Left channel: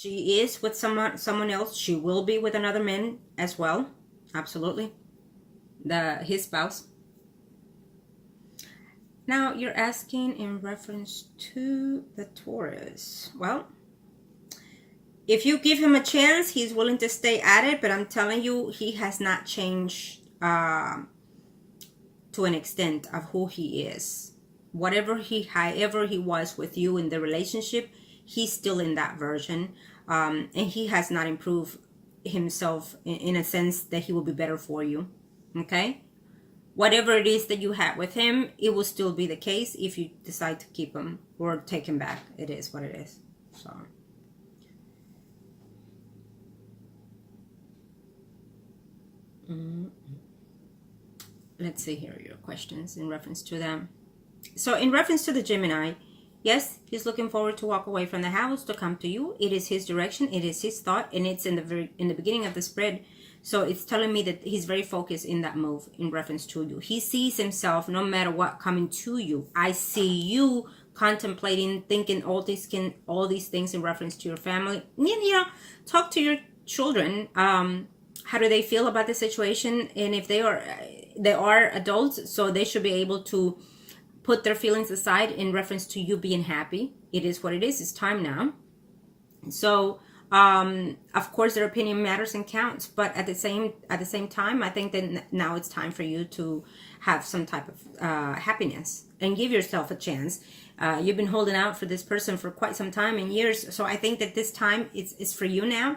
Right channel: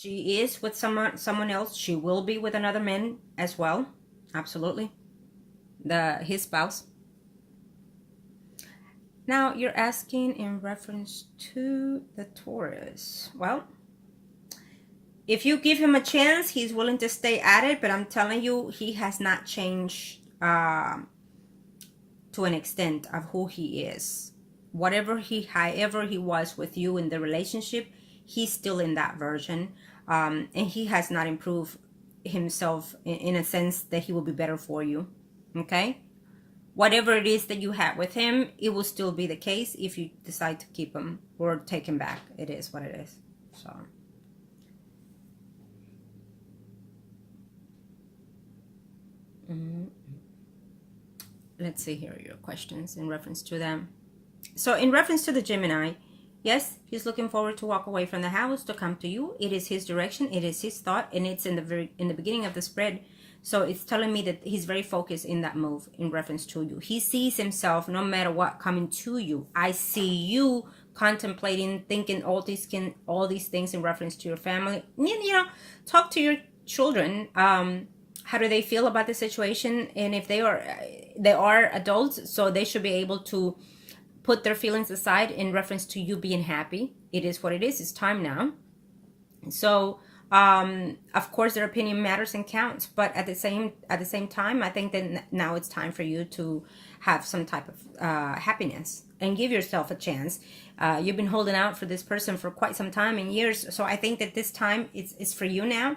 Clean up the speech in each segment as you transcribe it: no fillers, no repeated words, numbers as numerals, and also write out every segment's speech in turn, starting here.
She is with someone else. She will be with another man as well. Absolutely. His spouse. Now, you're asking in reference to the Taurus. Well, if you give him a chance, he's willing to stay at it. But I'm telling you, he has not changed to an extent of who he is. However he was with you in the relationship, he's still in that version. And he has not improved himself in a sense that he will be better for you. Okay? Whatever it is that you had with him, it will still be the case if you decide to keep him or take him back. It is what it is. So, let's see here your questions in reference to them. So, in reference to the Gemini, yes, he's looking forward to walk away from the house to come to you. It is his direction. It is his thought, and it's in the beginning of the spread. So it's telling me that he's very focused in that move in reference to you. He sees himself, no matter what, coming to you. I see you contemplating, thinking all these things in reference to your family. You know, talk to your children. How do they feel about the situation? And if they are adults, so they should be able to put their feelings aside in reference to you being happy. It is what it is. It's time now. So, of course, their opinion matters and counts, but at the same time, I think that now it's time for you to have some type of happiness and give yourself a chance. You've been holding out for this person for quite some time and years, so I think that this time it's for you now,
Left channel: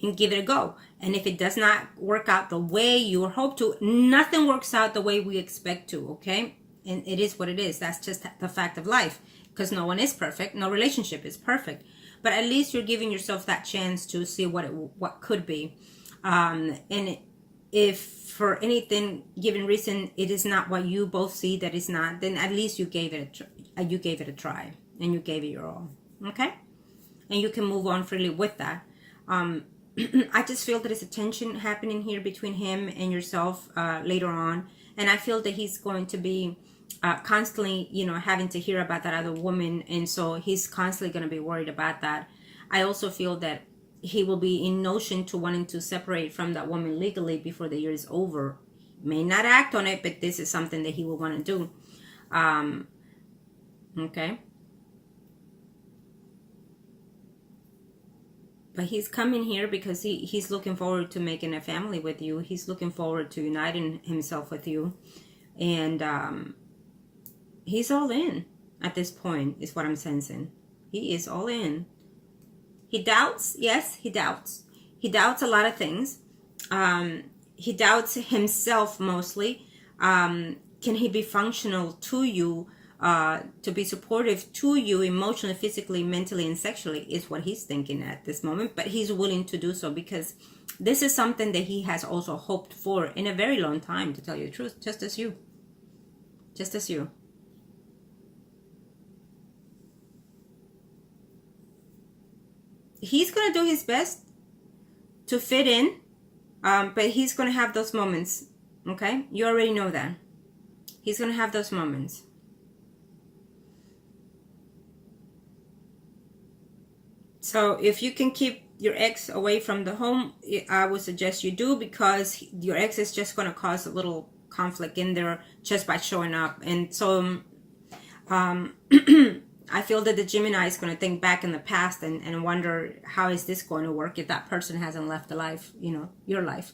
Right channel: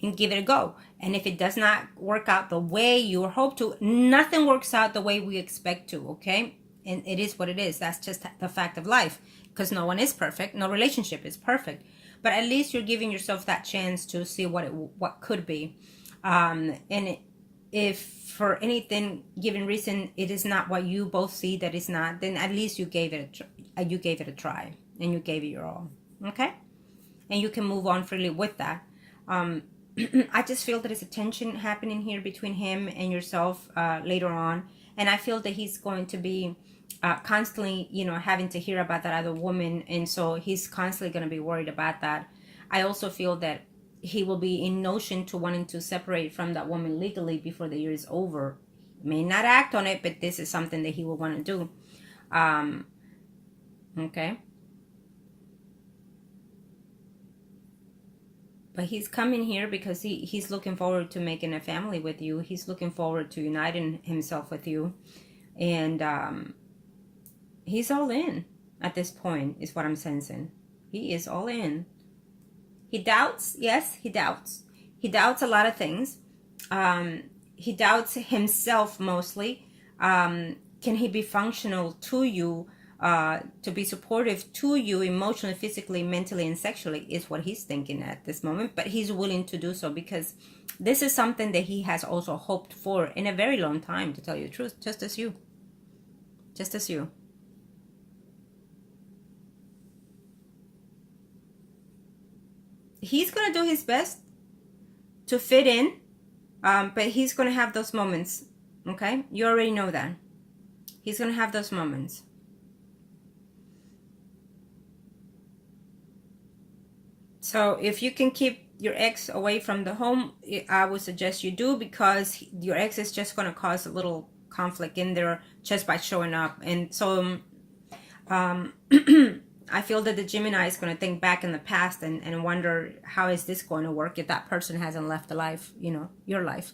and give it a go. And if it does not work out the way you hope to, nothing works out the way we expect to, okay? And it is what it is. That's just the fact of life, because no one is perfect. No relationship is perfect. But at least you're giving yourself that chance to see what could be. And if for anything given reason it is not what you both see that is not, then at least you gave it a try and you gave it your all. Okay? And you can move on freely with that. I just feel that there's a tension happening here between him and yourself later on. And I feel that he's going to be constantly, having to hear about that other woman. And so he's constantly going to be worried about that. I also feel that he will be in notion to wanting to separate from that woman legally before the year is over. May not act on it, but this is something that he will want to do. Okay. But he's coming here because he's looking forward to making a family with you. He's looking forward to uniting himself with you. And he's all in at this point, is what I'm sensing. He is all in. He doubts. Yes, he doubts. He doubts a lot of things. He doubts himself mostly. Can he be functional to you, to be supportive to you emotionally, physically, mentally, and sexually is what he's thinking at this moment. But he's willing to do so because this is something that he has also hoped for in a very long time, to tell you the truth, just as you. Just as you. He's going to do his best to fit in, but he's going to have those moments, okay? You already know that. He's going to have those moments. So if you can keep your ex away from the home, I would suggest you do, because your ex is just going to cause a little conflict in there just by showing up. And so I feel that the Gemini is going to think back in the past and wonder, how is this going to work if that person hasn't left the life, your life.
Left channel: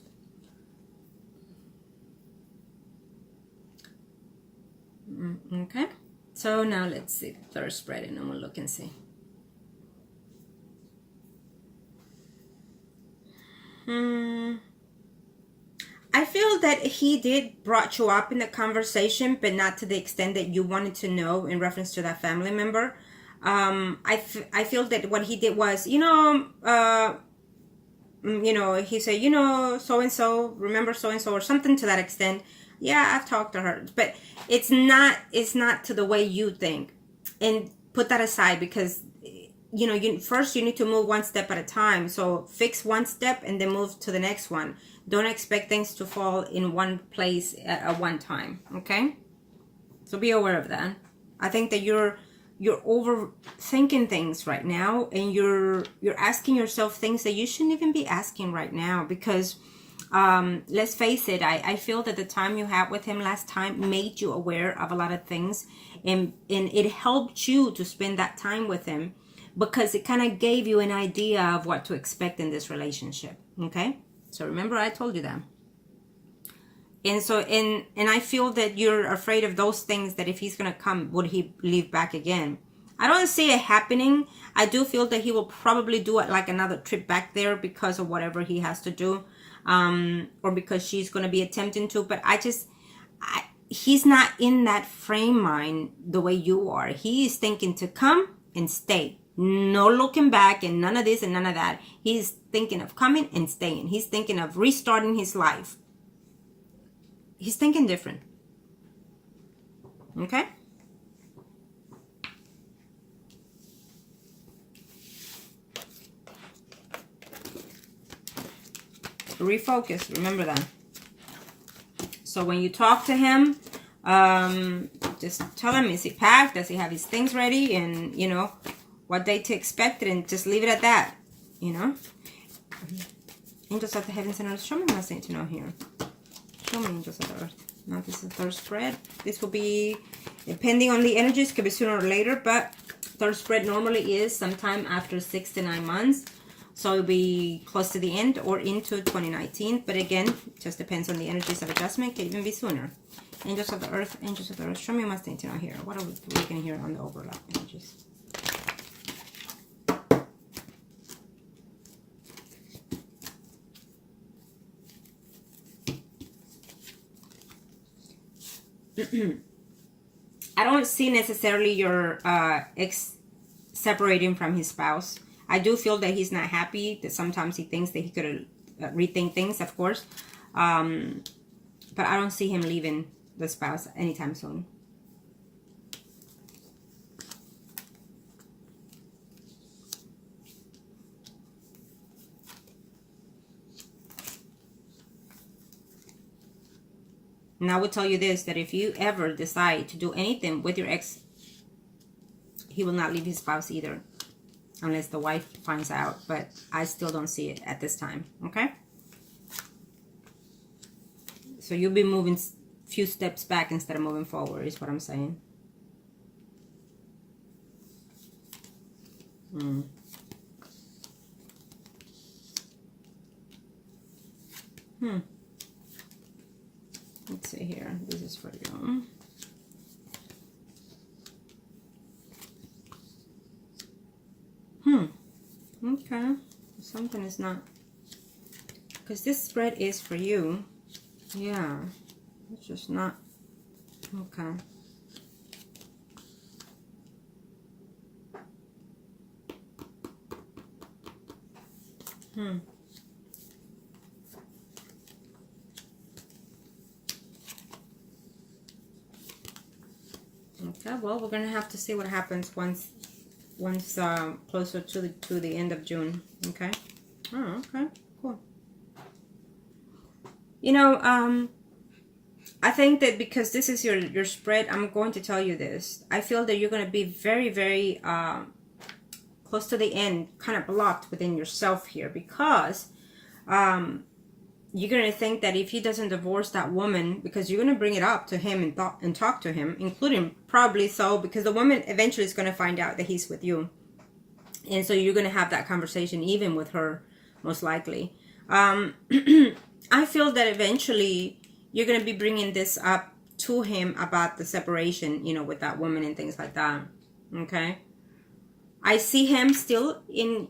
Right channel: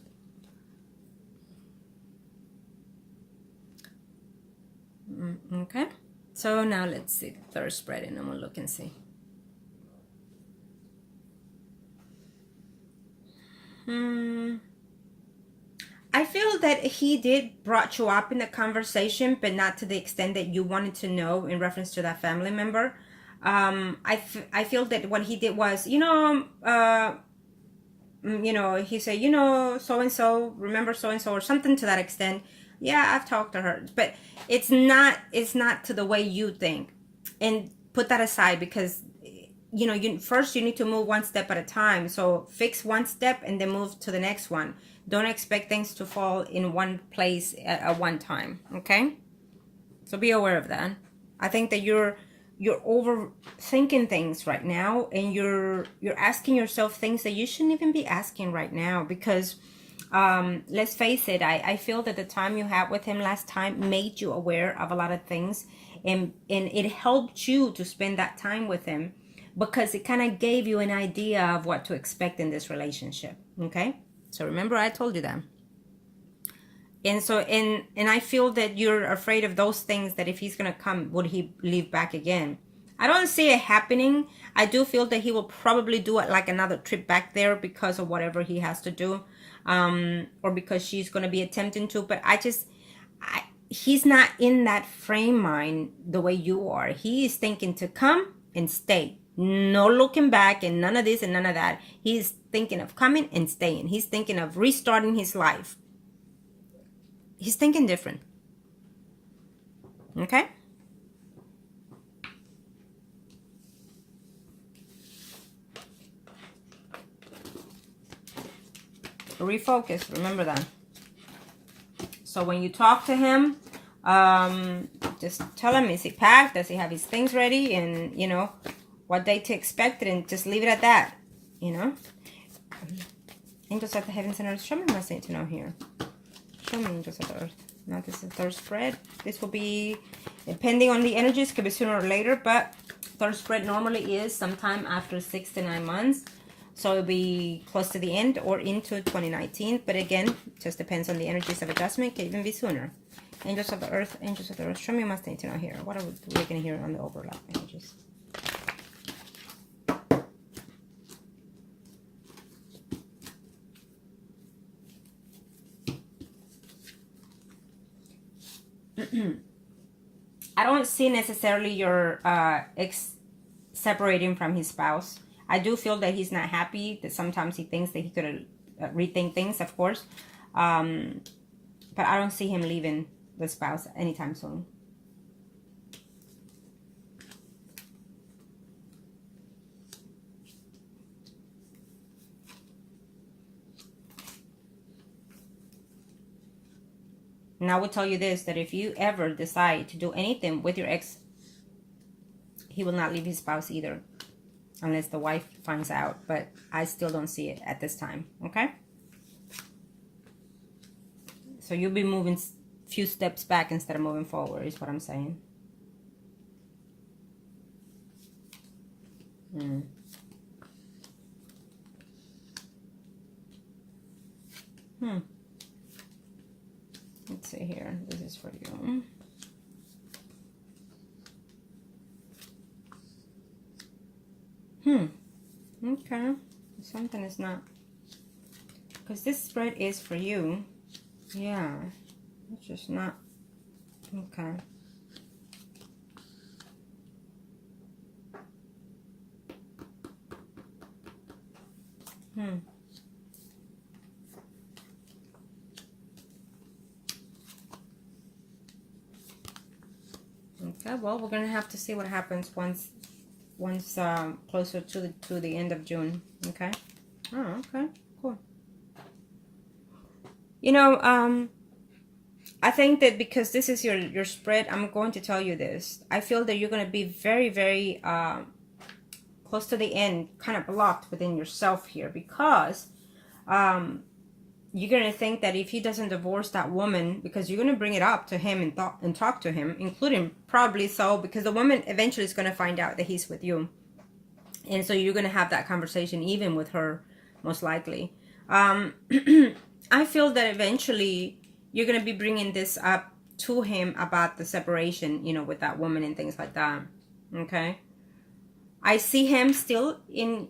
Okay, so now let's see the third spread, and I'm going to look and see. I feel that he did brought you up in the conversation, but not to the extent that you wanted to know in reference to that family member. I feel that what he did was, he said, so-and-so, remember so-and-so, or something to that extent. Yeah, I've talked to her, but it's not to the way you think. And put that aside, because first you need to move one step at a time. So fix one step and then move to the next one. Don't expect things to fall in one place at one time, okay? So be aware of that. I think that you're you're overthinking things right now, and you're asking yourself things that you shouldn't even be asking right now, because let's face it, I feel that the time you had with him last time made you aware of a lot of things, and it helped you to spend that time with him, because it kind of gave you an idea of what to expect in this relationship. Okay, so remember I told you that. And so, and I feel that you're afraid of those things, that if he's going to come, would he leave back again? I don't see it happening. I do feel that he will probably do it like another trip back there because of whatever he has to do, or because she's going to be attempting to. But he's not in that frame mind the way you are. He is thinking to come and stay. No looking back and none of this and none of that. He's thinking of coming and staying. He's thinking of restarting his life. He's thinking different. Okay? Refocus. Remember that. So when you talk to him, just tell him, is he packed? Does he have his things ready? And, you know, what day to expect it, and just leave it at that, you know? Angels of the heavens and earth, show me what I need to know here. Show me, angels of the earth. Now this is the third spread. This will be, depending on the energies, could be sooner or later, but third spread normally is sometime after 6 to 9 months. So it'll be close to the end or into 2019. But again, just depends on the energies of adjustment. Can even be sooner. Angels of the earth, angels of the earth. Show me what's need to know here. What are we looking here on the overlap energies? I don't see necessarily your ex separating from his spouse. I do feel that he's not happy, that sometimes he thinks that he could rethink things, of course. But I don't see him leaving the spouse anytime soon. And I will tell you this, that if you ever decide to do anything with your ex, he will not leave his spouse either. Unless the wife finds out. But I still don't see it at this time. Okay? So you'll be moving a few steps back instead of moving forward, is what I'm saying. Let's see here. This is for you. Okay. Something is not. Because this spread is for you. Yeah. It's just not. Okay. Okay, well, we're gonna have to see what happens once closer to the end of June. Okay. Oh, okay, cool. You know, I think that because this is your spread, I'm going to tell you this. I feel that you're going to be very, very close to the end, kind of blocked within yourself here, because you're going to think that if he doesn't divorce that woman, because you're going to bring it up to him and talk to him, including probably so, because the woman eventually is going to find out that he's with you. And so you're going to have that conversation even with her, most likely. I feel that eventually you're going to be bringing this up to him about the separation, you know, with that woman and things like that. Okay? I see him still in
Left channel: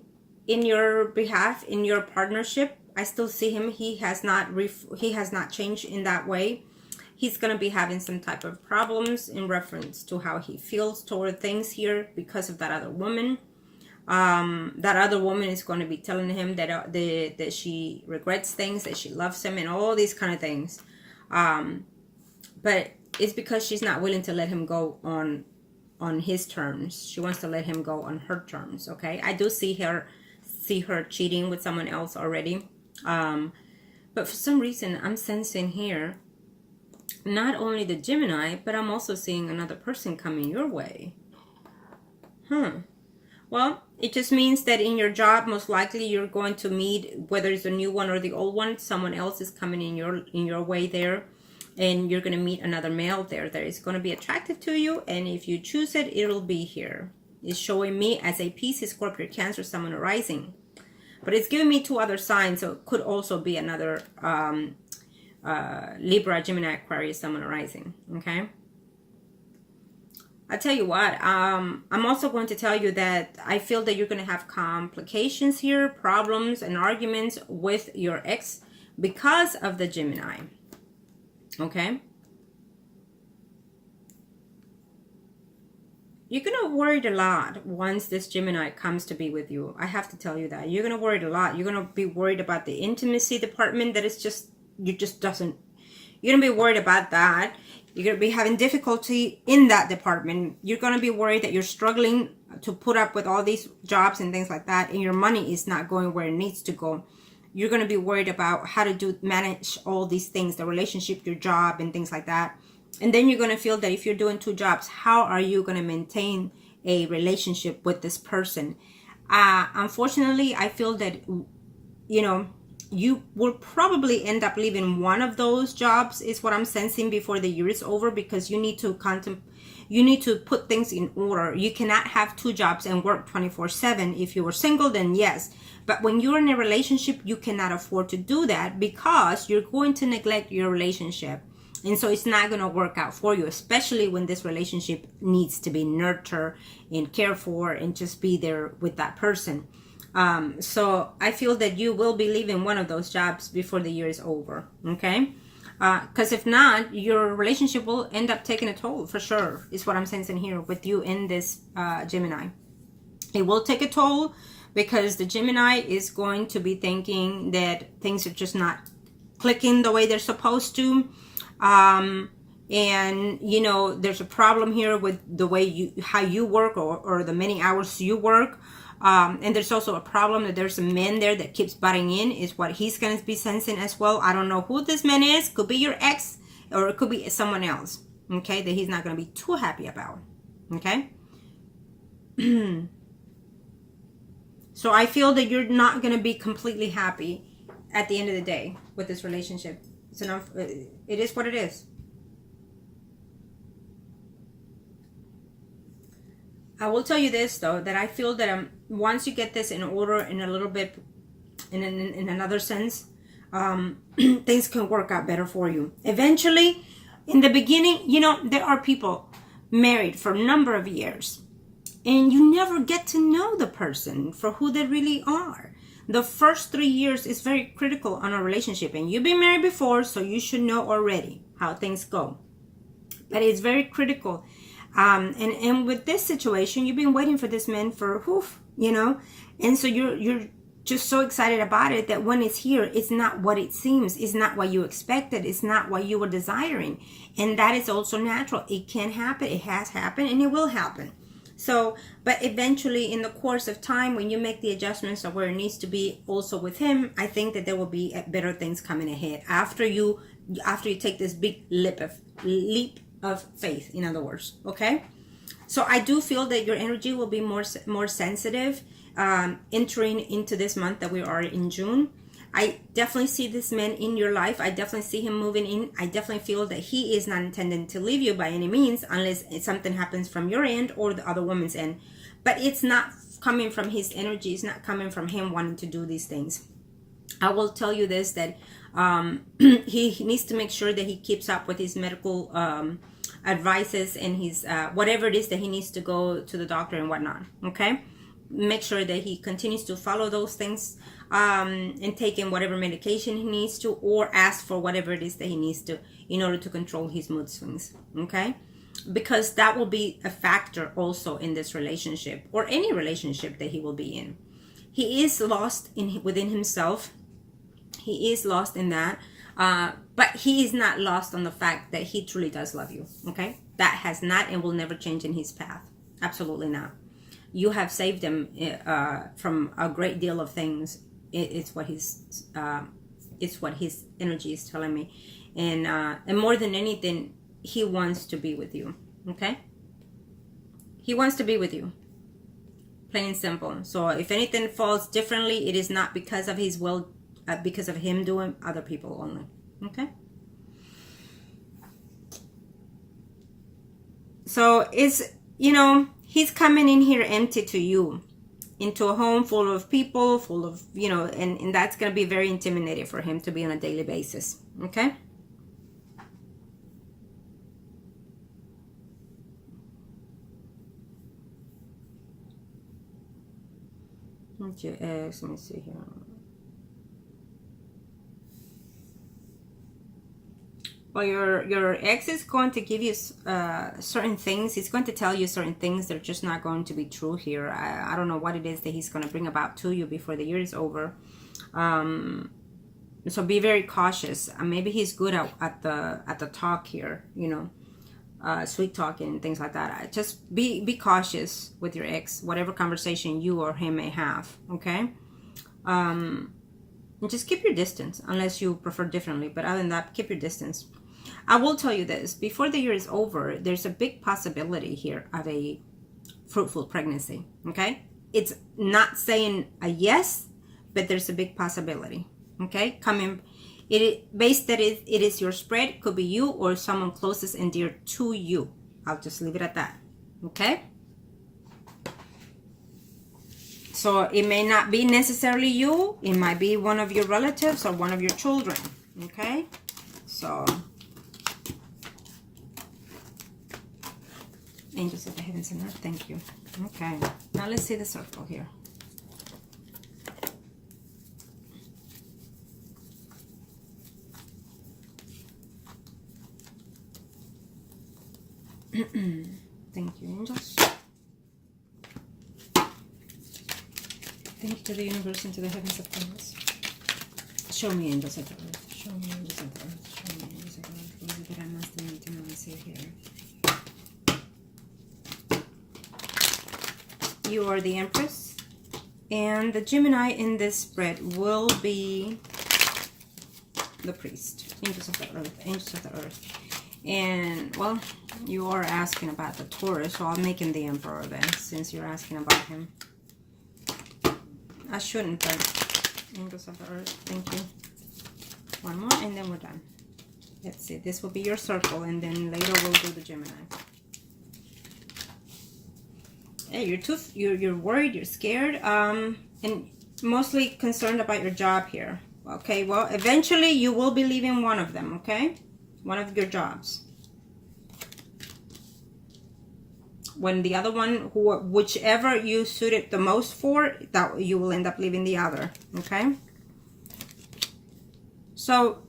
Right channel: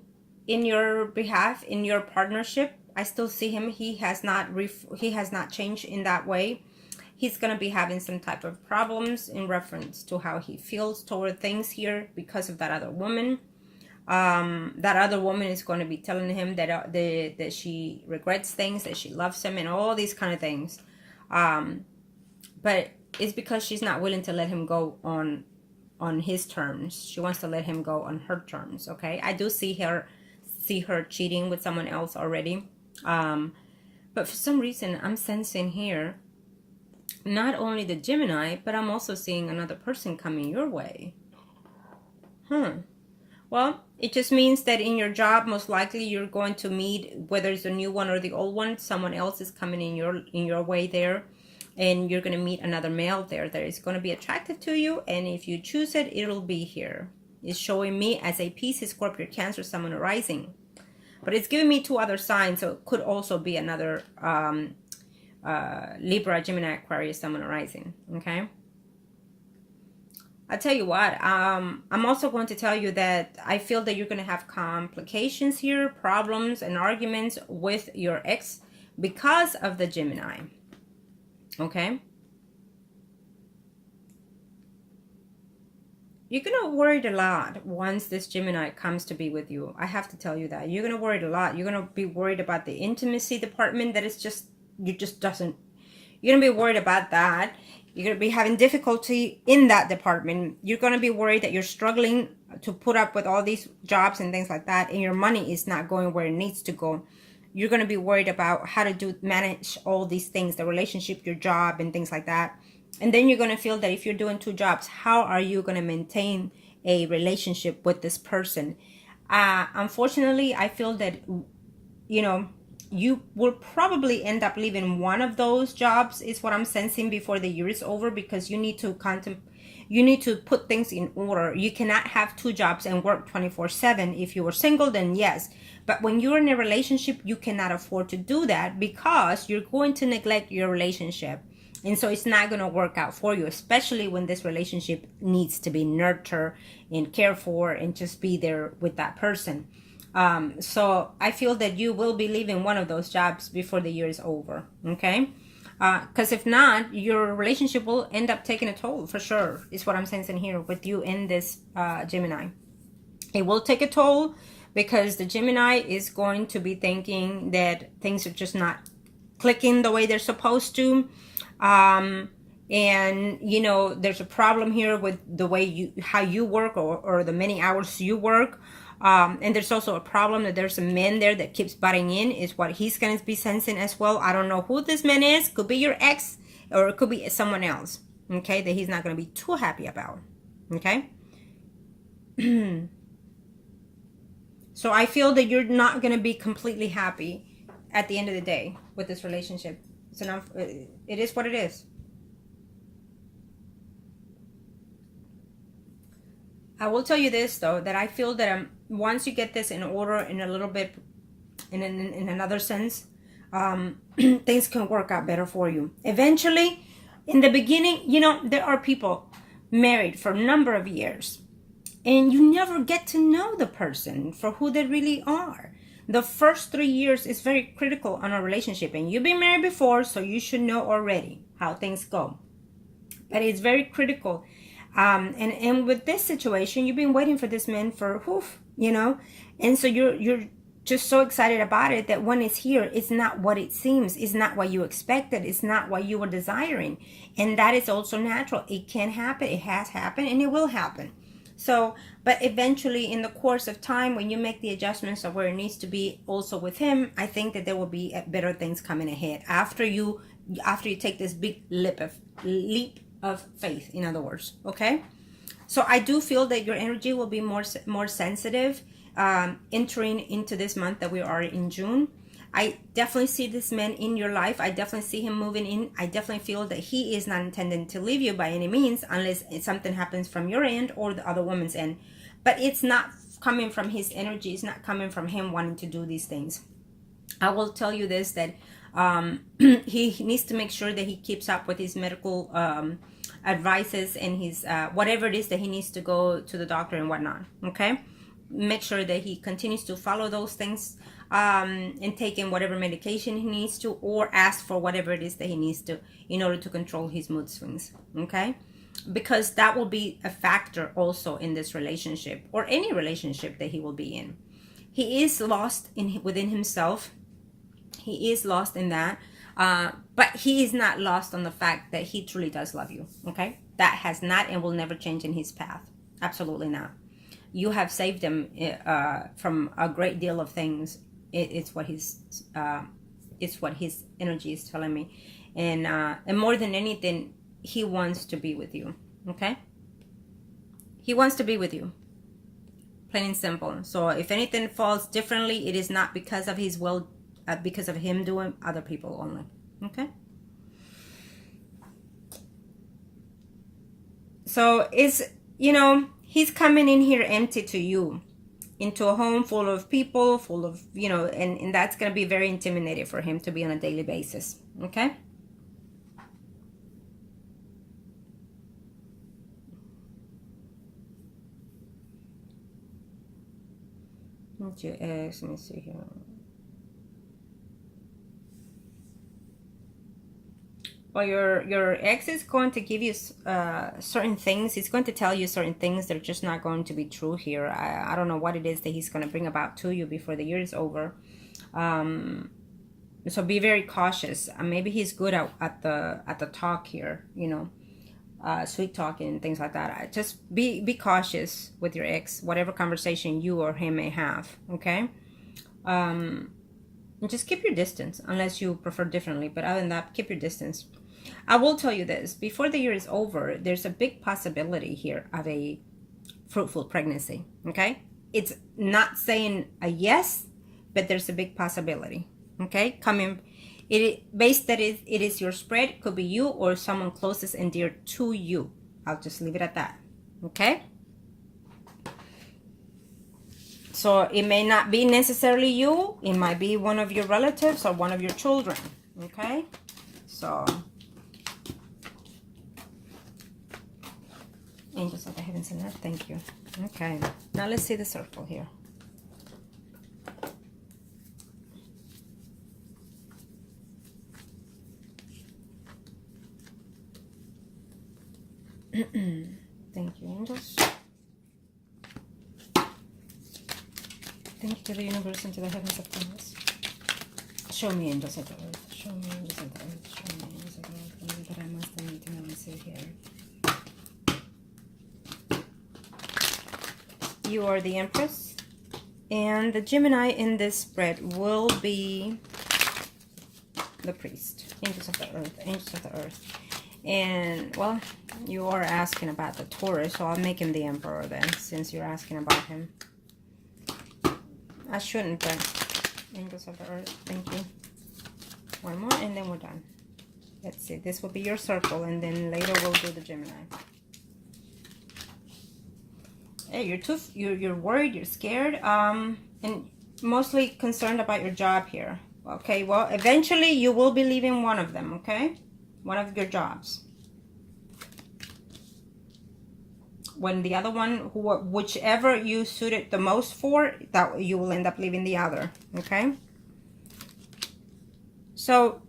your behalf, in your partnership. I still see him. He has not changed in that way. He's going to be having some type of problems in reference to how he feels toward things here because of that other woman. That other woman is going to be telling him that that she regrets things, that she loves him, and all these kind of things. But it's because she's not willing to let him go on his terms. She wants to let him go on her terms. Okay, I do see her cheating with someone else already. But for some reason, I'm sensing here not only the Gemini, but I'm also seeing another person coming your way. Well, it just means that in your job, most likely you're going to meet, whether it's a new one or the old one, someone else is coming in your way there, and you're going to meet another male there that is going to be attractive to you, and if you choose it, it'll be here. It's showing me as a Pisces, Scorpio, Cancer, Sun rising, but it's giving me 2 other signs, so it could also be another Libra, Gemini, Aquarius, Sun rising. Okay. I tell you what, I'm also going to tell you that I feel that you're going to have complications here, problems and arguments with your ex because of the Gemini. Okay? You're going to worry a lot once this Gemini comes to be with you. I have to tell you that. You're going to worry a lot. You're going to be worried about the intimacy department that is just, you're going to be worried about that. You're going to be having difficulty in that department. You're going to be worried that you're struggling to put up with all these jobs and things like that, and your money is not going where it needs to go. You're going to be worried about how to manage all these things, the relationship, your job, and things like that. And then you're going to feel that if you're doing 2 jobs, how are you going to maintain a relationship with this person? Unfortunately, I feel that, you know, you will probably end up leaving one of those jobs, is what I'm sensing, before the year is over, because you need to put things in order. You cannot have 2 jobs and work 24/7. If you were single, then yes. But when you're in a relationship, you cannot afford to do that, because you're going to neglect your relationship. And so it's not going to work out for you, especially when this relationship needs to be nurtured and cared for and just be there with that person. So I feel that you will be leaving one of those jobs before the year is over. Okay. Because if not, your relationship will end up taking a toll for sure, is what I'm sensing here with you in this Gemini. It will take a toll because the Gemini is going to be thinking that things are just not clicking the way they're supposed to. And you know, there's a problem here with the way how you work, or the many hours you work. And there's also a problem that there's a man there that keeps butting in, is what he's going to be sensing as well. I don't know who this man is. Could be your ex, or it could be someone else. Okay, that he's not going to be too happy about. Okay. So I feel that you're not going to be completely happy at the end of the day with this relationship. It's enough. It is what it is. I will tell you this, though, that I feel that once you get this in order, in a little bit, in another sense, things can work out better for you. Eventually, in the beginning, you know, there are people married for a number of years, and you never get to know the person for who they really are. The first 3 years is very critical on a relationship, and you've been married before, so you should know already how things go. But it's very critical. And with this situation, you've been waiting for this man for, you know, and so you're just so excited about it that when it's here, it's not what it seems. It's not what you expected. It's not what you were desiring. And that is also natural. It can happen. It has happened, and it will happen. So, but eventually in the course of time, when you make the adjustments of where it needs to be also with him, I think that there will be better things coming ahead after you take this big leap of faith, in other words. Okay. So I do feel that your energy will be more sensitive, entering into this month that we are in June. I definitely see this man in your life. I definitely see him moving in. I definitely feel that he is not intending to leave you by any means, unless something happens from your end or the other woman's end. But it's not coming from his energy. It's not coming from him wanting to do these things. I will tell you this, that he needs to make sure that he keeps up with his medical advices and his whatever it is that he needs to go to the doctor and whatnot. Okay, make sure that he continues to follow those things, and take in whatever medication he needs to, or ask for whatever it is that he needs to in order to control his mood swings. Okay, because that will be a factor also in this relationship, or any relationship that he will be in. He is lost within himself. He is lost in that, but he is not lost on the fact that he truly does love you. Okay, that has not and will never change in his path. Absolutely not. You have saved him from a great deal of things. It's what his energy is telling me, and more than anything, he wants to be with you. Okay, he wants to be with you. Plain and simple. So if anything falls differently, it is not because of his will, because of him doing other people only. Okay? So it's, you know, he's coming in here empty to you, into a home full of people, full of, you know, and that's going to be very intimidating for him to be on a daily basis. Okay? What's your ex? Let me see here. Well, your ex is going to give you certain things. He's going to tell you certain things that are just not going to be true here. I don't know what it is that he's going to bring about to you before the year is over. So be very cautious. Maybe he's good at the talk here, you know, sweet talking and things like that. Just be cautious with your ex, whatever conversation you or him may have. Okay. And just keep your distance unless you prefer differently. But other than that, keep your distance. I will tell you this, before the year is over, there's a big possibility here of a fruitful pregnancy, okay? It's not saying a yes, but there's a big possibility, okay? Coming, based that it is your spread, could be you or someone closest and dear to you. I'll just leave it at that, okay? So it may not be necessarily you, it might be one of your relatives or one of your children, okay? So, angels of the heavens and earth, thank you. Okay, now let's see the circle here. Thank you, angels. Thank you to the universe and to the heavens of things. Show me angels of the earth. Show me angels of the earth. Show me angels of the earth. What I must need to know and see here. You are the Empress, and the Gemini in this spread will be the priest. Angels of the earth, angels of the earth. And, well, you are asking about the Taurus, so I'll make him the Emperor then, since you're asking about him. I shouldn't, but angels of the earth, thank you. One more, and then we're done. Let's see, this will be your circle, and then later we'll do the Gemini. Hey, you're worried, you're scared, and mostly concerned about your job here. Okay, well, eventually you will be leaving one of them, okay? One of your jobs. When the other one, whichever you suited the most for, that you will end up leaving the other, okay? So,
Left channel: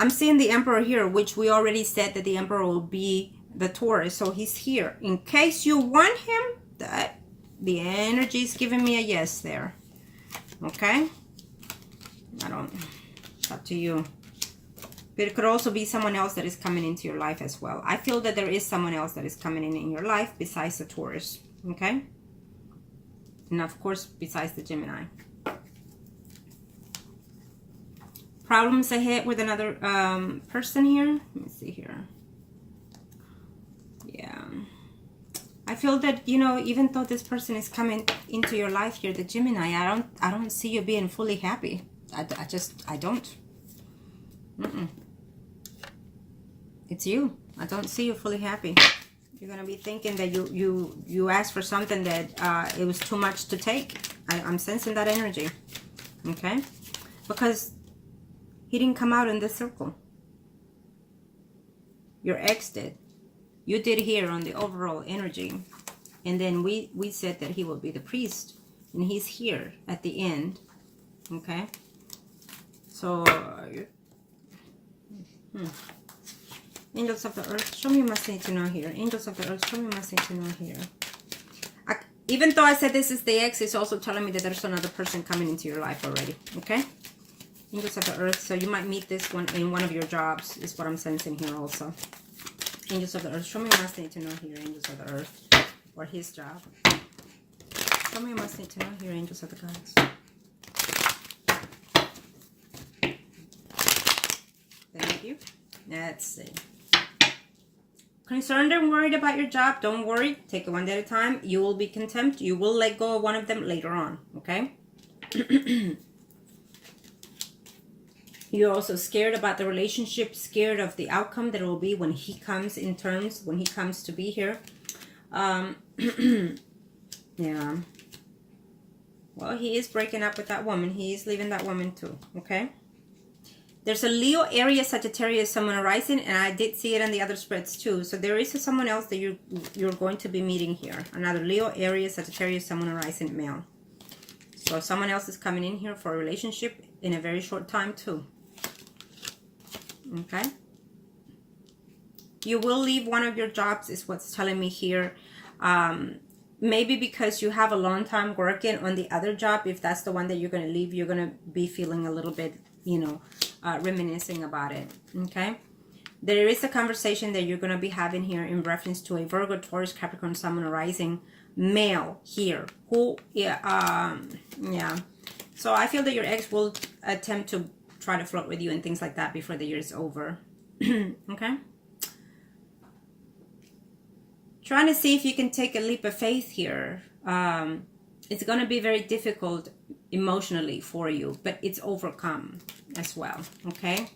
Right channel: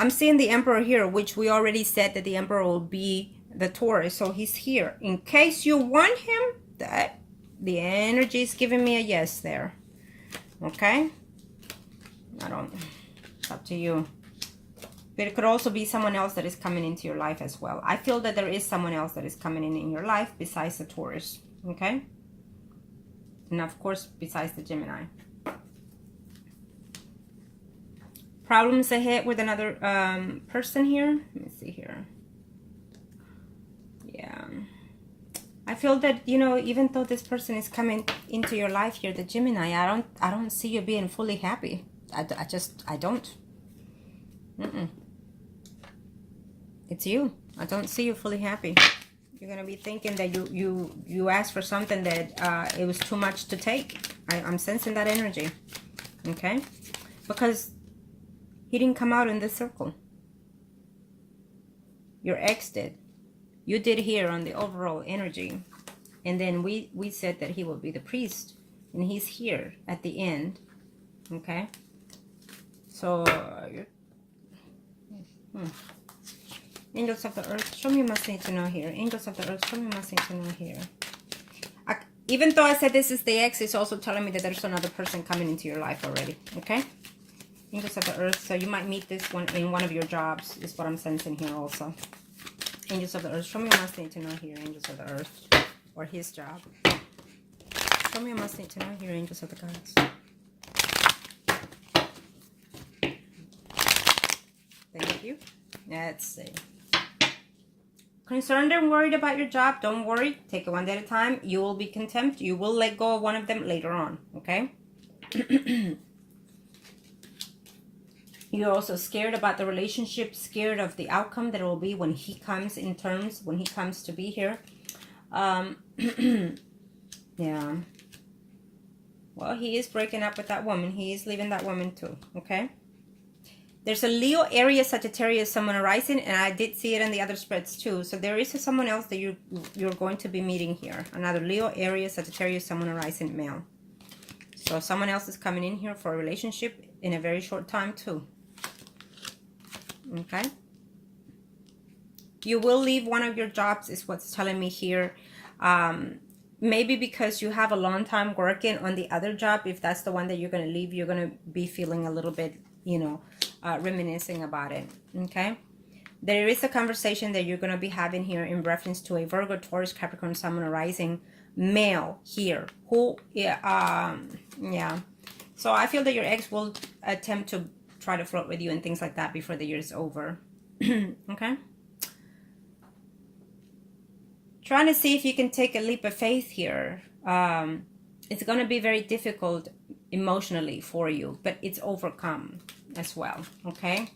I'm seeing the Emperor here, which we already said that the Emperor will be the Taurus, so he's here. In case you want him, the energy is giving me a yes there, okay? It's up to you. But it could also be someone else that is coming into your life as well. I feel that there is someone else that is coming in your life besides the Taurus, okay? And of course, besides the Gemini. Problems ahead with another person here. Let me see here. Yeah. I feel that, you know, even though this person is coming into your life here, the Gemini, I don't see you being fully happy. I don't. It's you. I don't see you fully happy. You're gonna be thinking that you asked for something that it was too much to take. I'm sensing that energy, okay? Because he didn't come out in this circle. Your ex did. You did here on the overall energy, and then we said that he will be the priest, and he's here at the end, okay? So angels of the earth, show me what must need to know here. Angels of the earth, show me what must need to know here. Even though I said this is the ex, it's also telling me that there's another person coming into your life already, okay? Angels of the earth, so you might meet this one in one of your jobs, is what I'm sensing here also. Angels of the earth, show me what must need to know here. Angels of the earth, or his job. Show me what must need to know here. Angels of the gods. Thank you. Let's see. concerned and worried about your job, don't worry. Take it one day at a time. You will be content. You will let go of one of them later on, okay? You're also scared about the relationship, scared of the outcome that it will be when he comes in terms, when he comes to be here. Yeah. Well, he is breaking up with that woman. He is leaving that woman too, okay? There's a Leo, Aries, Sagittarius, Sun, Rising, and I did see it on the other spreads too. So there is someone else that you're going to be meeting here. Another Leo, Aries, Sagittarius, Sun, Rising male. So someone else is coming in here for a relationship in a very short time too. Okay? You will leave one of your jobs is what's telling me here. Maybe because you have a long time working on the other job. If that's the one that you're going to leave, you're going to be feeling a little bit, you know, reminiscing about it. Okay? There is a conversation that you're going to be having here in reference to a Virgo, Taurus, Capricorn, Sun, Rising male here. Who, yeah. So I feel that your ex will attempt to try to flirt with you and things like that before the year is over. Okay? Trying to see if you can take a leap of faith here. It's going to be very difficult emotionally for you, but it's overcome as well, okay?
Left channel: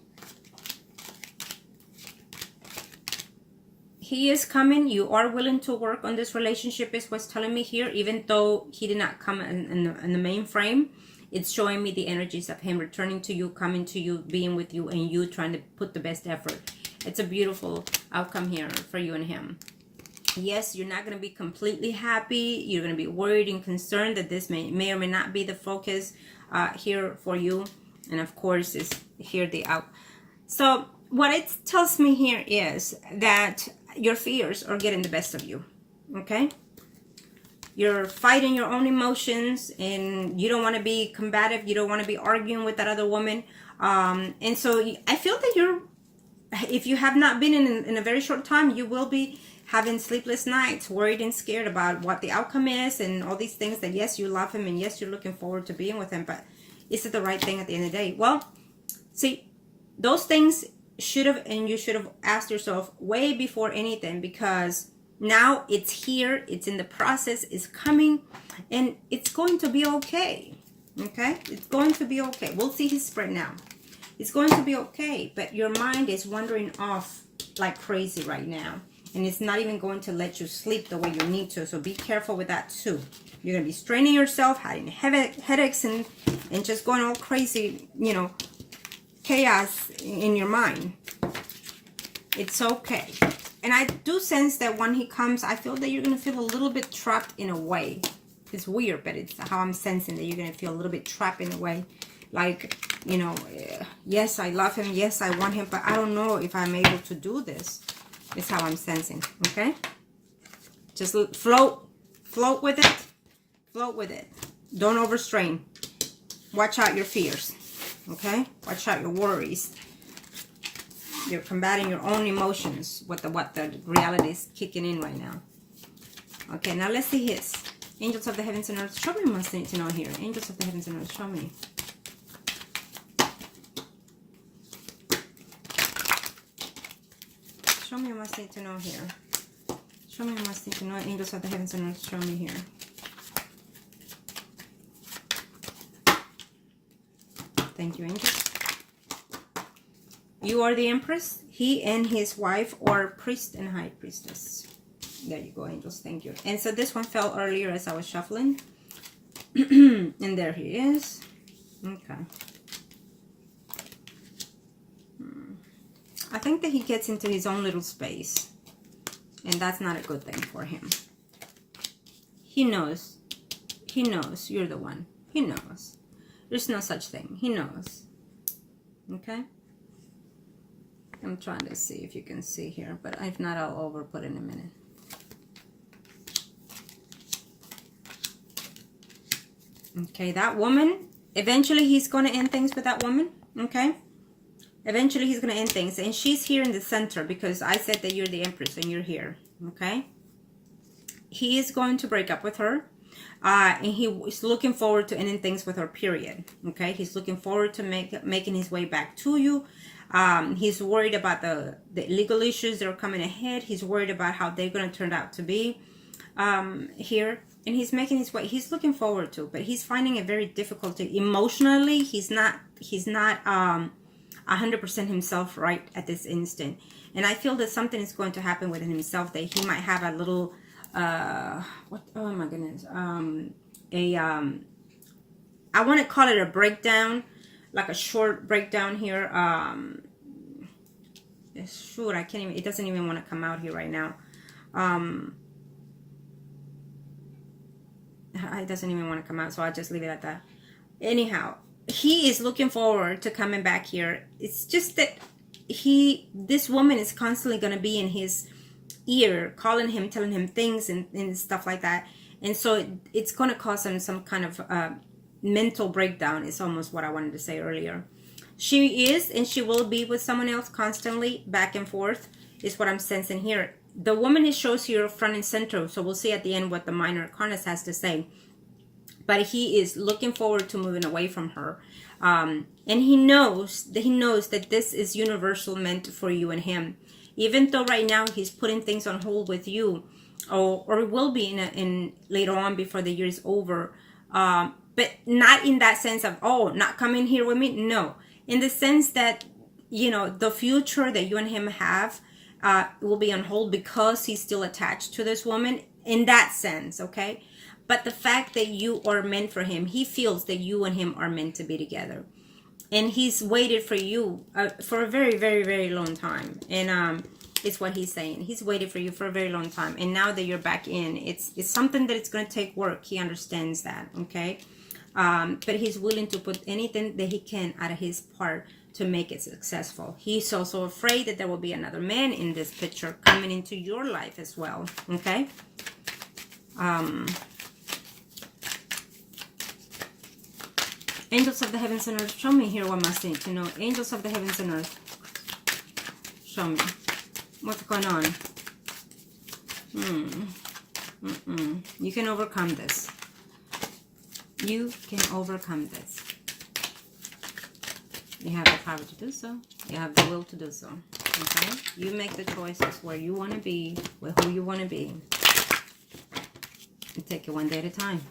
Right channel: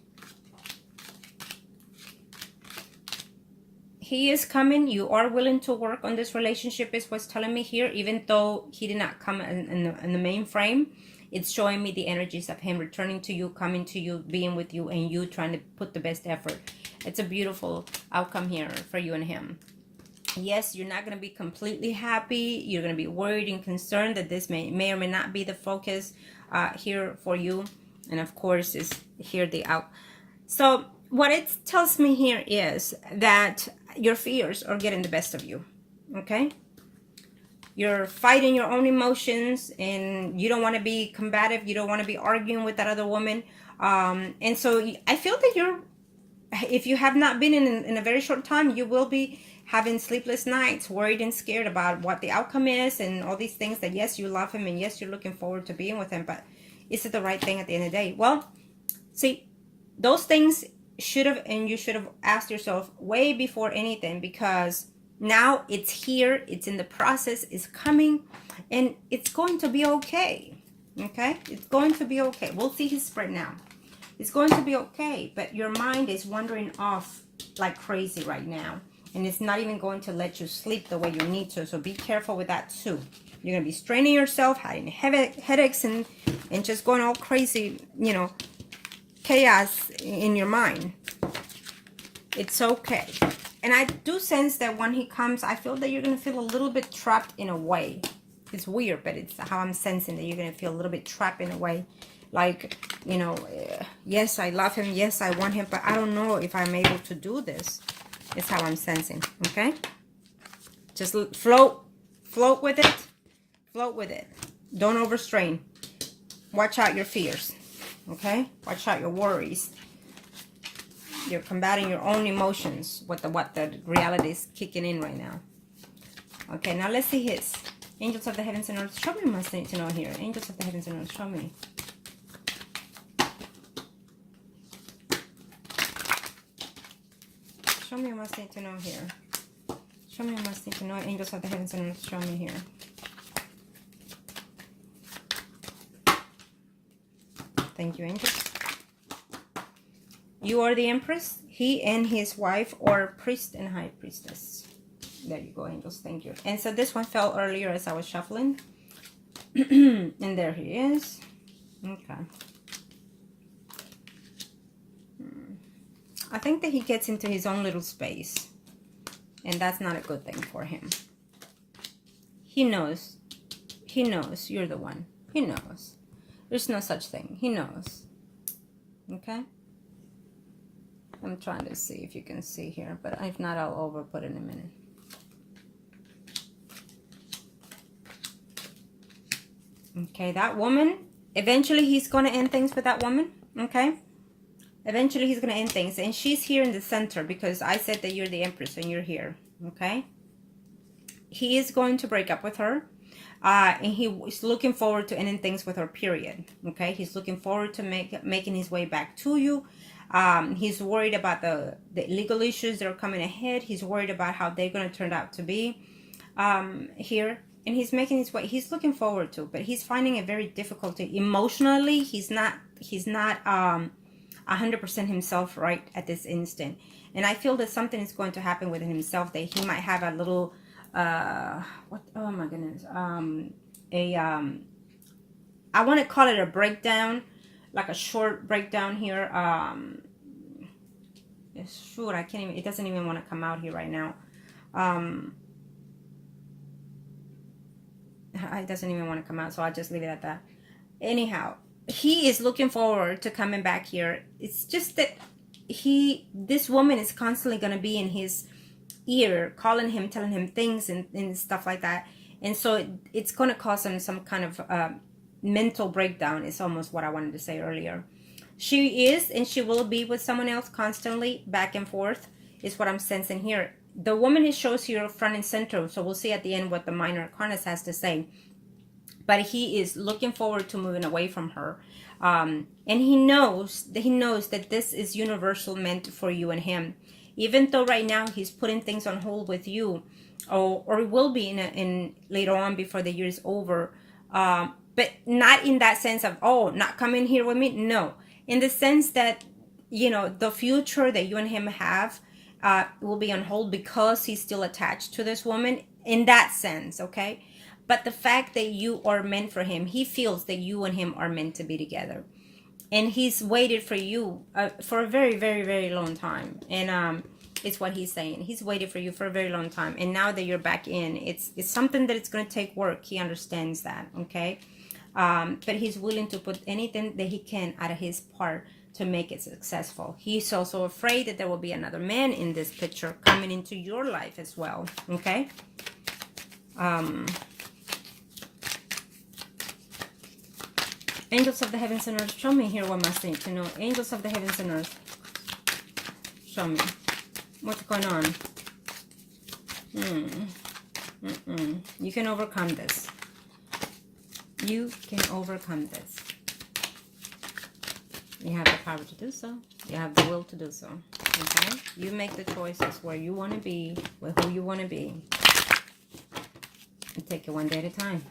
He is coming. You are willing to work on this relationship is what's telling me here, even though he did not come in the main frame. It's showing me the energies of him returning to you, coming to you, being with you, and you trying to put the best effort. It's a beautiful outcome here for you and him. Yes, you're not going to be completely happy. You're going to be worried and concerned that this may or may not be the focus here for you. And of course, is here the out. So what it tells me here is that your fears are getting the best of you. Okay? You're fighting your own emotions and you don't want to be combative. You don't want to be arguing with that other woman. And so I feel that if you have not been in a very short time, you will be having sleepless nights, worried and scared about what the outcome is and all these things that, yes, you love him and yes, you're looking forward to being with him, but is it the right thing at the end of the day? Well, see, those things should have, and you should have asked yourself way before anything, because now it's here, it's in the process, it's coming, and it's going to be okay. Okay? It's going to be okay. We'll see his spread now. It's going to be okay, but your mind is wandering off like crazy right now. And it's not even going to let you sleep the way you need to. So be careful with that too. You're going to be straining yourself, having headaches, and just going all crazy, you know, chaos in your mind. It's okay. And I do sense that when he comes, I feel that you're going to feel a little bit trapped in a way. It's weird, but it's how I'm sensing that you're going to feel a little bit trapped in a way. Like, you know, yes, I love him. Yes, I want him. But I don't know if I'm able to do this. It's how I'm sensing, okay? Just float with it. Float with it. Don't overstrain. Watch out your fears, okay? Watch out your worries. You're combating your own emotions with what the reality is kicking in right now. Okay, now let's see his. Angels of the heavens and earth, show me what I need to know here. Angels of the heavens and earth, show me. Show me what I need to know here. Show me what I need to know. Angels of the heavens and earth, show me here. Thank you, angels. You are the Empress. He and his wife are priest and high priestess. There you go, angels. Thank you. And so this one fell earlier as I was shuffling. And there he is. Okay. I think that he gets into his own little space. And that's not a good thing for him. He knows. He knows you're the one. He knows. There's no such thing. He knows. Okay? I'm trying to see if you can see here. But if not, I'll overput in a minute. Okay, that woman. Eventually, he's going to end things with that woman. Okay? Eventually, he's going to end things. And she's here in the center because I said that you're the Empress and you're here. Okay? He is going to break up with her. And he is looking forward to ending things with her, period. Okay? He's looking forward to making his way back to you. He's worried about the legal issues that are coming ahead. He's worried about how they're going to turn out to be here. And he's making his way. He's looking forward to, but he's finding it very difficult emotionally. He's not 100% himself right at this instant. And I feel that something is going to happen within himself, that he might have a little, what, oh my goodness, I want to call it a breakdown, like a short breakdown here. Shoot, I can't even, it doesn't even want to come out here right now. It doesn't even want to come out, so I'll just leave it at that. Anyhow, he is looking forward to coming back here. It's just that this woman is constantly going to be in his ear, calling him, telling him things and stuff like that. And so it's going to cause him some kind of mental breakdown, is almost what I wanted to say earlier. She is and she will be with someone else constantly, back and forth, is what I'm sensing here. The woman it shows here front and center, so we'll see at the end what the minor arcana has to say. But he is looking forward to moving away from her. And he knows that this is universal, meant for you and him. Even though right now he's putting things on hold with you, or will be in later on before the year is over. But not in that sense of, oh, not coming here with me. No, in the sense that, you know, the future that you and him have will be on hold because he's still attached to this woman, in that sense, okay? But the fact that you are meant for him, he feels that you and him are meant to be together. And he's waited for you for a very, very, very long time. And it's what he's saying. He's waited for you for a very long time. And now that you're back in, it's something that it's going to take work. He understands that, okay? But he's willing to put anything that he can out of his part to make it successful. He's also afraid that there will be another man in this picture coming into your life as well, okay? Angels of the heavens and earth, show me here what must need to know. Angels of the heavens and earth, show me what's going on. You can overcome this. You can overcome this. You have the power to do so. You have the will to do so. Okay? You make the choices where you want to be, with who you want to be. And take it one day at a time.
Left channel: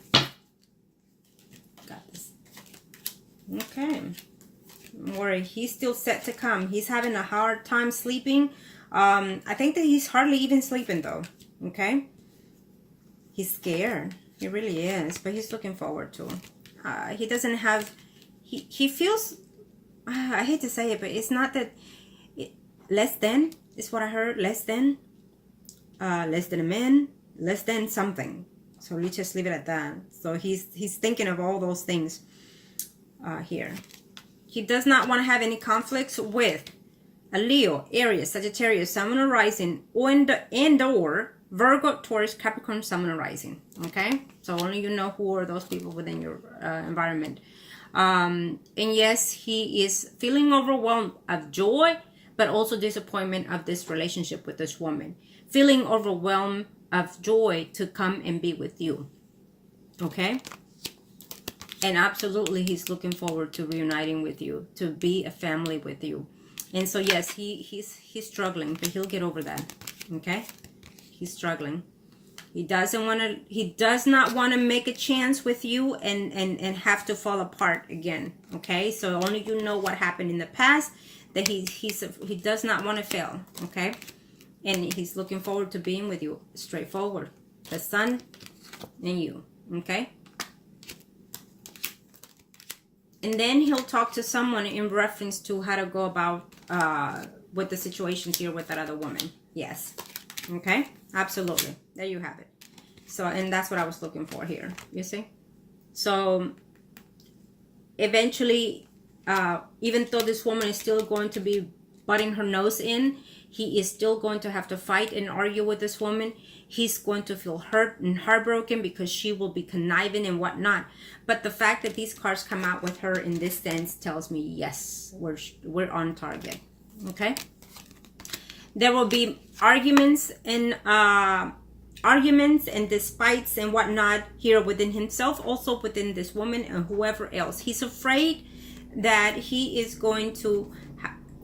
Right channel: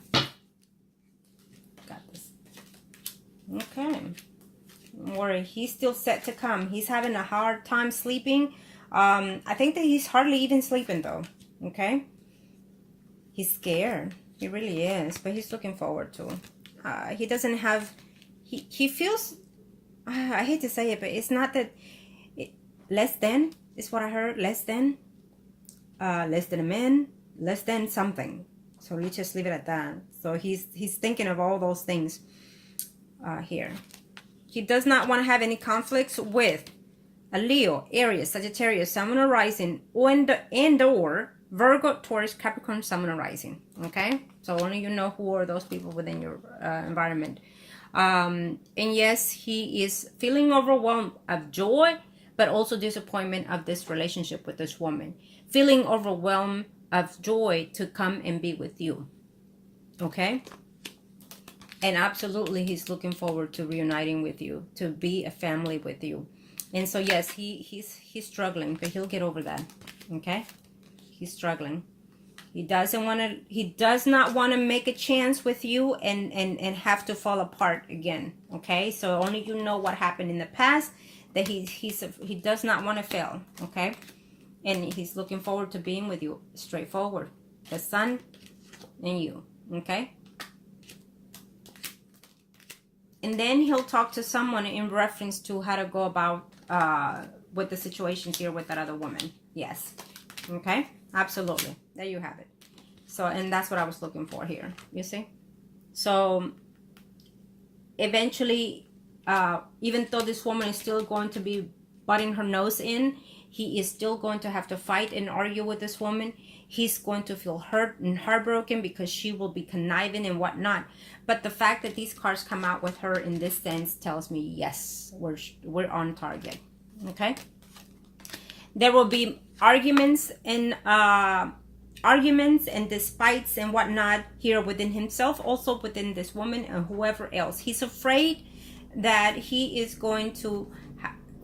Got this. Okay. Don't worry. He's still set to come. He's having a hard time sleeping. I think that he's hardly even sleeping though. Okay? He's scared. He really is. But he's looking forward to it. He doesn't have... He feels... I hate to say it, but it's not that... less than is what I heard. Less than a man. Less than something. So let's just leave it at that. So he's thinking of all those things here. He does not want to have any conflicts with a Leo, Aries, Sagittarius, Sun and Rising, and or Virgo, Taurus, Capricorn, Sun and Rising. Okay? So only you know who are those people within your environment. And yes, he is feeling overwhelmed of joy, but also disappointment of this relationship with this woman. Feeling overwhelmed of joy to come and be with you. Okay? And absolutely, he's looking forward to reuniting with you, to be a family with you. And so, yes, he's struggling, but he'll get over that. Okay? He's struggling. He does not want to make a chance with you and have to fall apart again. Okay? So only you know what happened in the past, that he does not want to fail. Okay? And he's looking forward to being with you. Straightforward. The sun and you. Okay? And then he'll talk to someone in reference to how to go about with the situations here with that other woman. Yes. Okay? Absolutely. There you have it. So, and that's what I was looking for here. You see? So, eventually, even though this woman is still going to be butting her nose in, he is still going to have to fight and argue with this woman. He's going to feel hurt and heartbroken because she will be conniving and whatnot. But the fact that these cards come out with her in this sense tells me, yes, we're on target. Okay? There will be arguments and despites and whatnot here within himself, also within this woman and whoever else. He's afraid that he is going to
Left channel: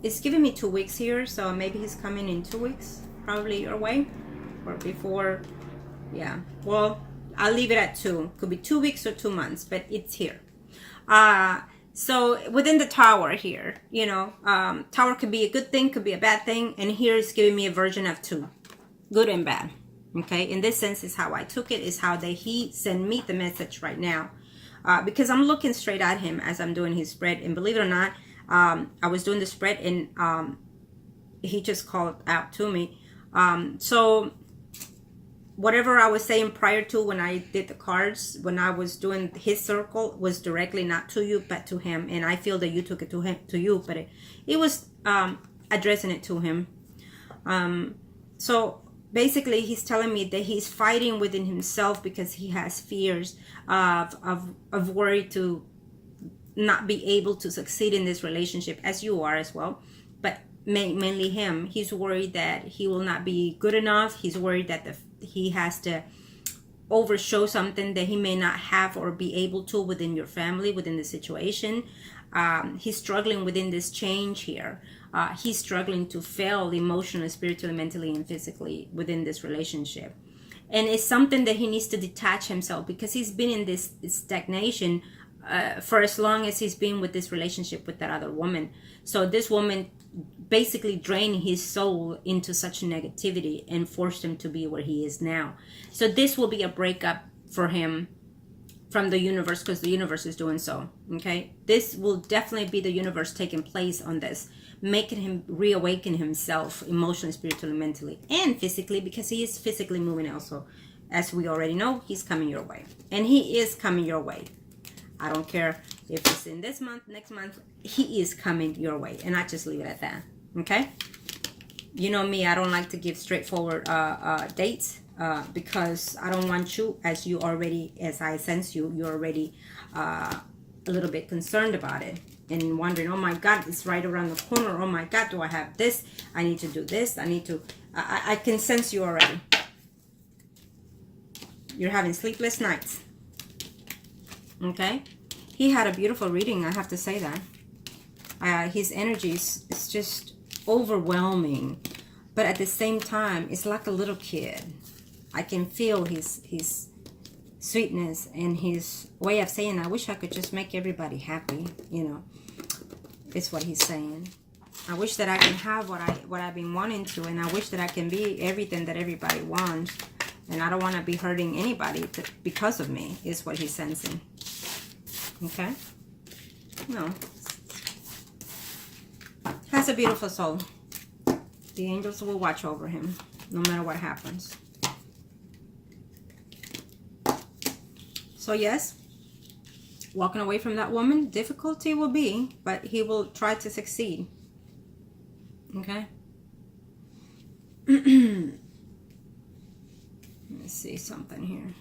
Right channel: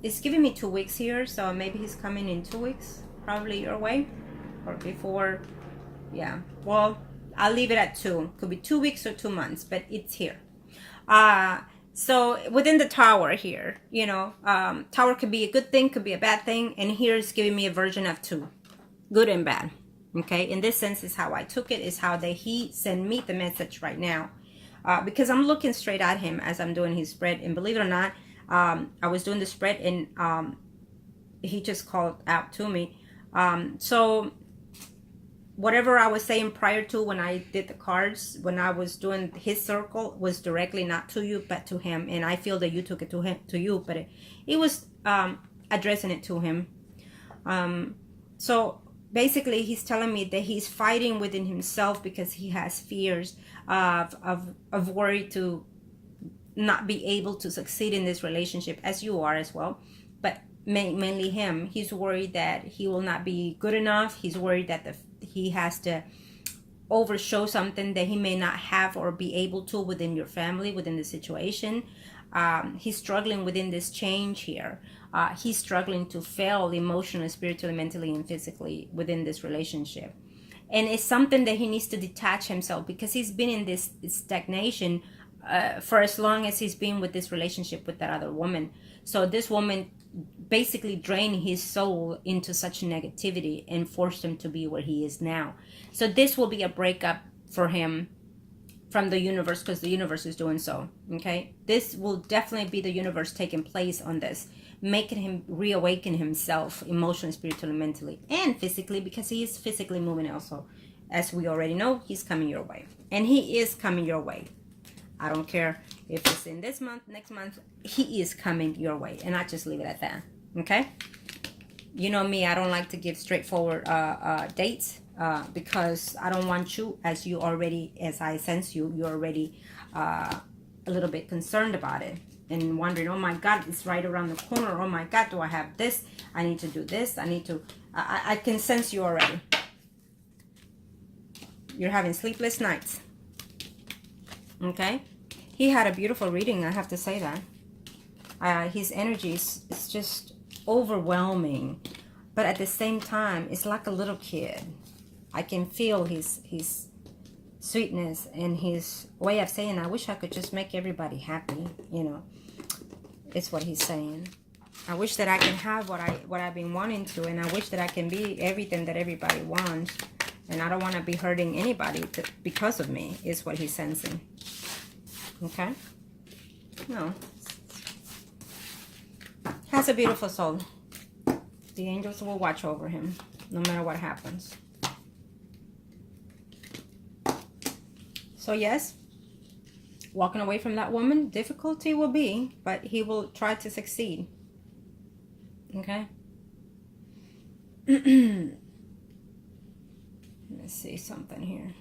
it's giving me 2 weeks here, so maybe he's coming in 2 weeks, probably your way, or before. Yeah, well, I'll leave it at 2. Could be 2 weeks or 2 months, but it's here. So within the tower here, you know, tower could be a good thing, could be a bad thing, and here it's giving me a version of 2, good and bad. Okay, in this sense is how I took it, is how he sent me the message right now, because I'm looking straight at him as I'm doing his spread, and believe it or not, I was doing the spread, and he just called out to me. So whatever I was saying prior to when I did the cards, when I was doing his circle, was directly not to you but to him, and I feel that you took it to you, but it was addressing it to him. So basically he's telling me that he's fighting within himself because he has fears of worry to not be able to succeed in this relationship, as you are as well, but mainly him. He's worried that he will not be good enough. He's worried that he has to overshow something that he may not have or be able to within your family, within the situation. He's struggling within this change here. He's struggling to fail emotionally, spiritually, mentally, and physically within this relationship. And it's something that he needs to detach himself, because he's been in this stagnation for as long as he's been with this relationship with that other woman. So this woman basically drained his soul into such negativity and forced him to be where he is now. So this will be a breakup for him from the universe, because the universe is doing so. Okay, this will definitely be the universe taking place on this, making him reawaken himself emotionally, spiritually, mentally, and physically, because he is physically moving also. As we already know, he's coming your way, and he is coming your way. I don't care if it's in this month, next month, he is coming your way. And I just leave it at that. Okay? You know me, I don't like to give straightforward dates because I don't want you, as I sense you're already a little bit concerned about it and wondering, oh my God, it's right around the corner. Oh my God, do I have this? I need to do this. I can sense you already. You're having sleepless nights. Okay, he had a beautiful reading, I have to say that. His energy is just overwhelming, but at the same time, it's like a little kid. I can feel his sweetness and his way of saying, I wish I could just make everybody happy, you know. It's what he's saying. I wish that I can have what I've been wanting to, and I wish that I can be everything that everybody wants. And I don't want to be hurting anybody because of me, is what he's sensing. Okay? No. Has a beautiful soul. The angels will watch over him, no matter what happens. So yes, walking away from that woman, difficulty will be, but he will try to succeed. Okay? Let's see something here.